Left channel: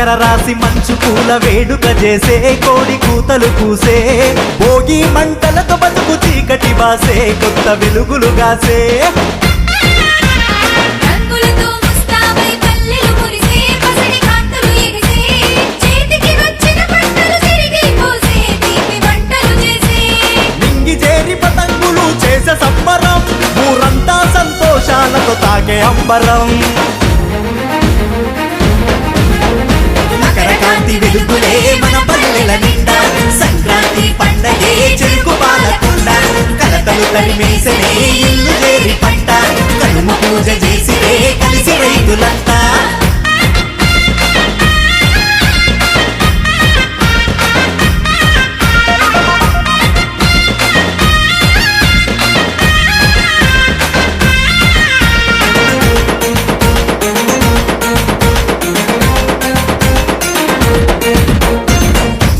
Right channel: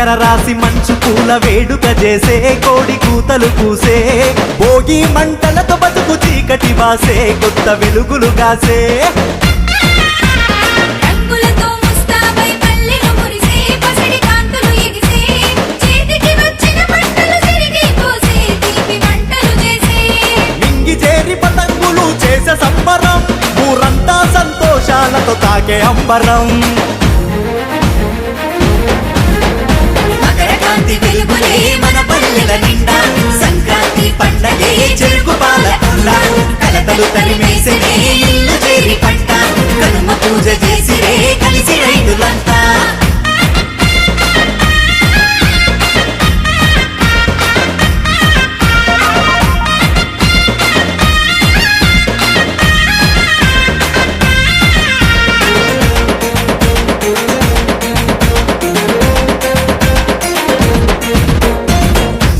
మకర రాశి మంచు పూల వేడుక చేసే కోడి కూతలు కూసే భోగి మంటలతో బతుకు చీకటి బాసే కొత్త వెలుగులు గాసే పతంగులు చేసే సంబరం ఊరంతా సంతోషాలతో తాకే అంబరం మకరకాంతి వెలుగులే మన పల్లెల నిండా సంక్రాంతి పండగే చెరుకు పాలకుల్ల కలకలు తరివేసే ఇల్లు వేరి పంట కనుమ పూజ చేసి కలిసి రైతులంతా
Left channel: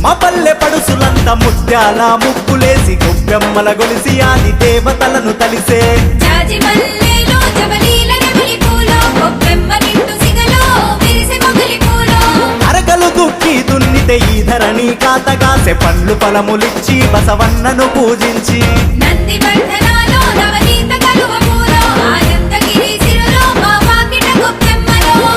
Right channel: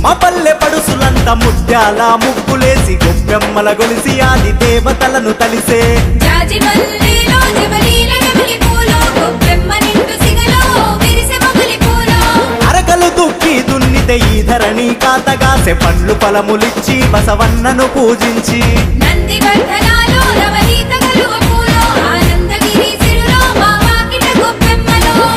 మా పల్లె పడుసులంతా ముత్యాల ముగ్గులేసి గొప్పెమ్మల గొలిసి ఆది దేవతలను తలిసే అరకలు దుక్కి దున్నితే ఈ ధరణి కాతగాసే పండ్లు ఫలములిచ్చి బసవన్నను పూజించి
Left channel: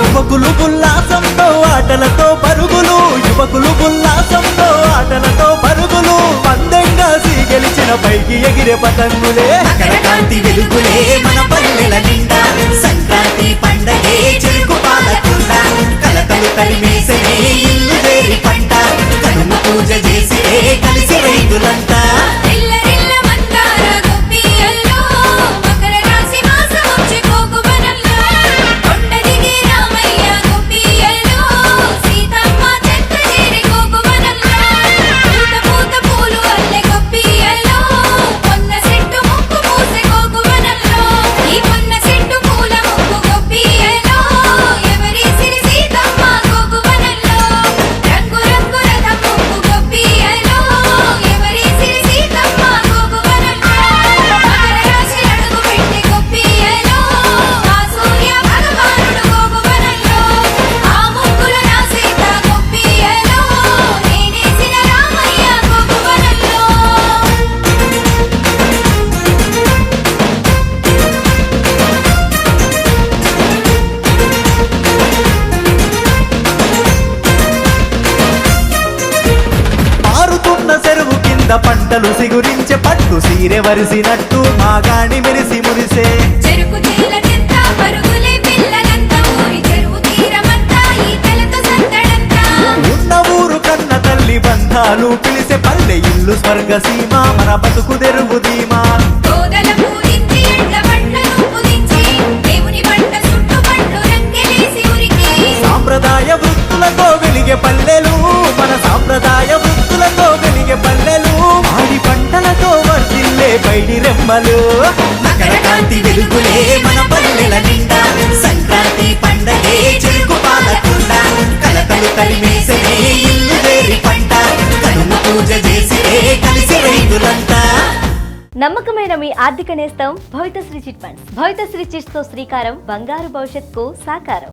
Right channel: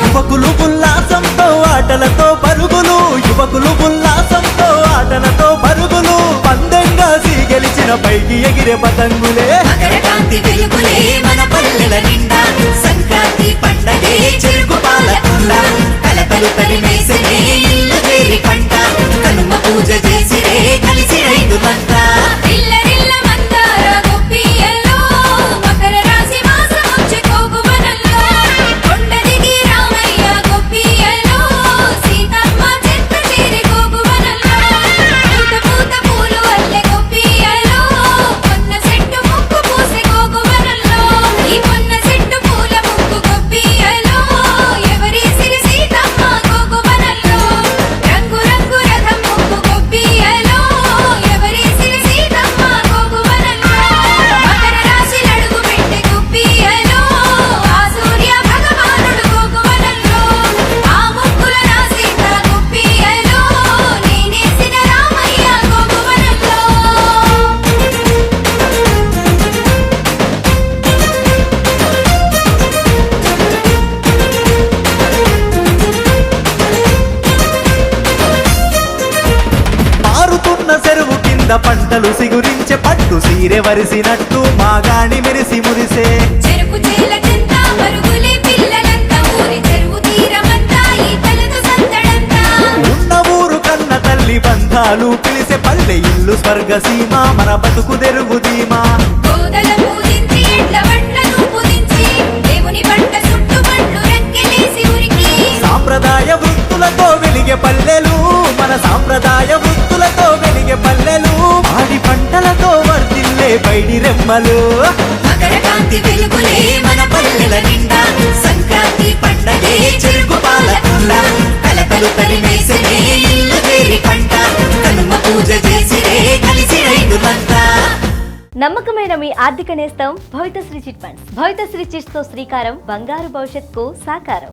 యువకులు ఉల్లాసంతో ఆటలతో పరుగులు యువకులు ఉల్లాసంతో ఆటలతో పరుగులు పందెంగా గెలిచిన పైకి ఎగిరే పతంగులే మకరకాంతి వెలుగులే మన పల్లెల నిండా సంక్రాంతి పండగే చెరుకు పాలకుల్ల కలకలు తరివేసే ఇల్లు వేరి పంట కనుమ పూజ చేసి కలిసి రైతులంతా చెరువు కింద పంటలు సిగురించే పట్టు సీరె వరిసినట్టు మాగాణి మెరిసి మురిసే ఉన్న ఊరు కన్న తల్లి బంధాలు పిలిసే పల్లె ఇల్లు స్వర్గసీమ మన బతుకు తెరువు ధీమా సాంప్రదాయ వృత్తులతో వెలిగే పల్లెలు మన సాంప్రదాయ వృత్తులతో వెలిగే పల్లెలు ఆడి పంటలతో వర్ధిల్లే పైడి రెమ్మలు మకరకాంతి వెలుగులే మన పల్లెల నిండా సంక్రాంతి పండగే చెరుకు పాలకుల్ల కలకలు తరివేసే ఇల్లు వేరి పంట కనుమ పూజ చేసి కలిసి రైతులంతా. నమ్మకమైన మీ ఆర్థిక నేస్తం Bhavithasri chit funds. Bhavithasri chits తో శ్రీకారం బంగారు భవిష్యత్కు సాకారం.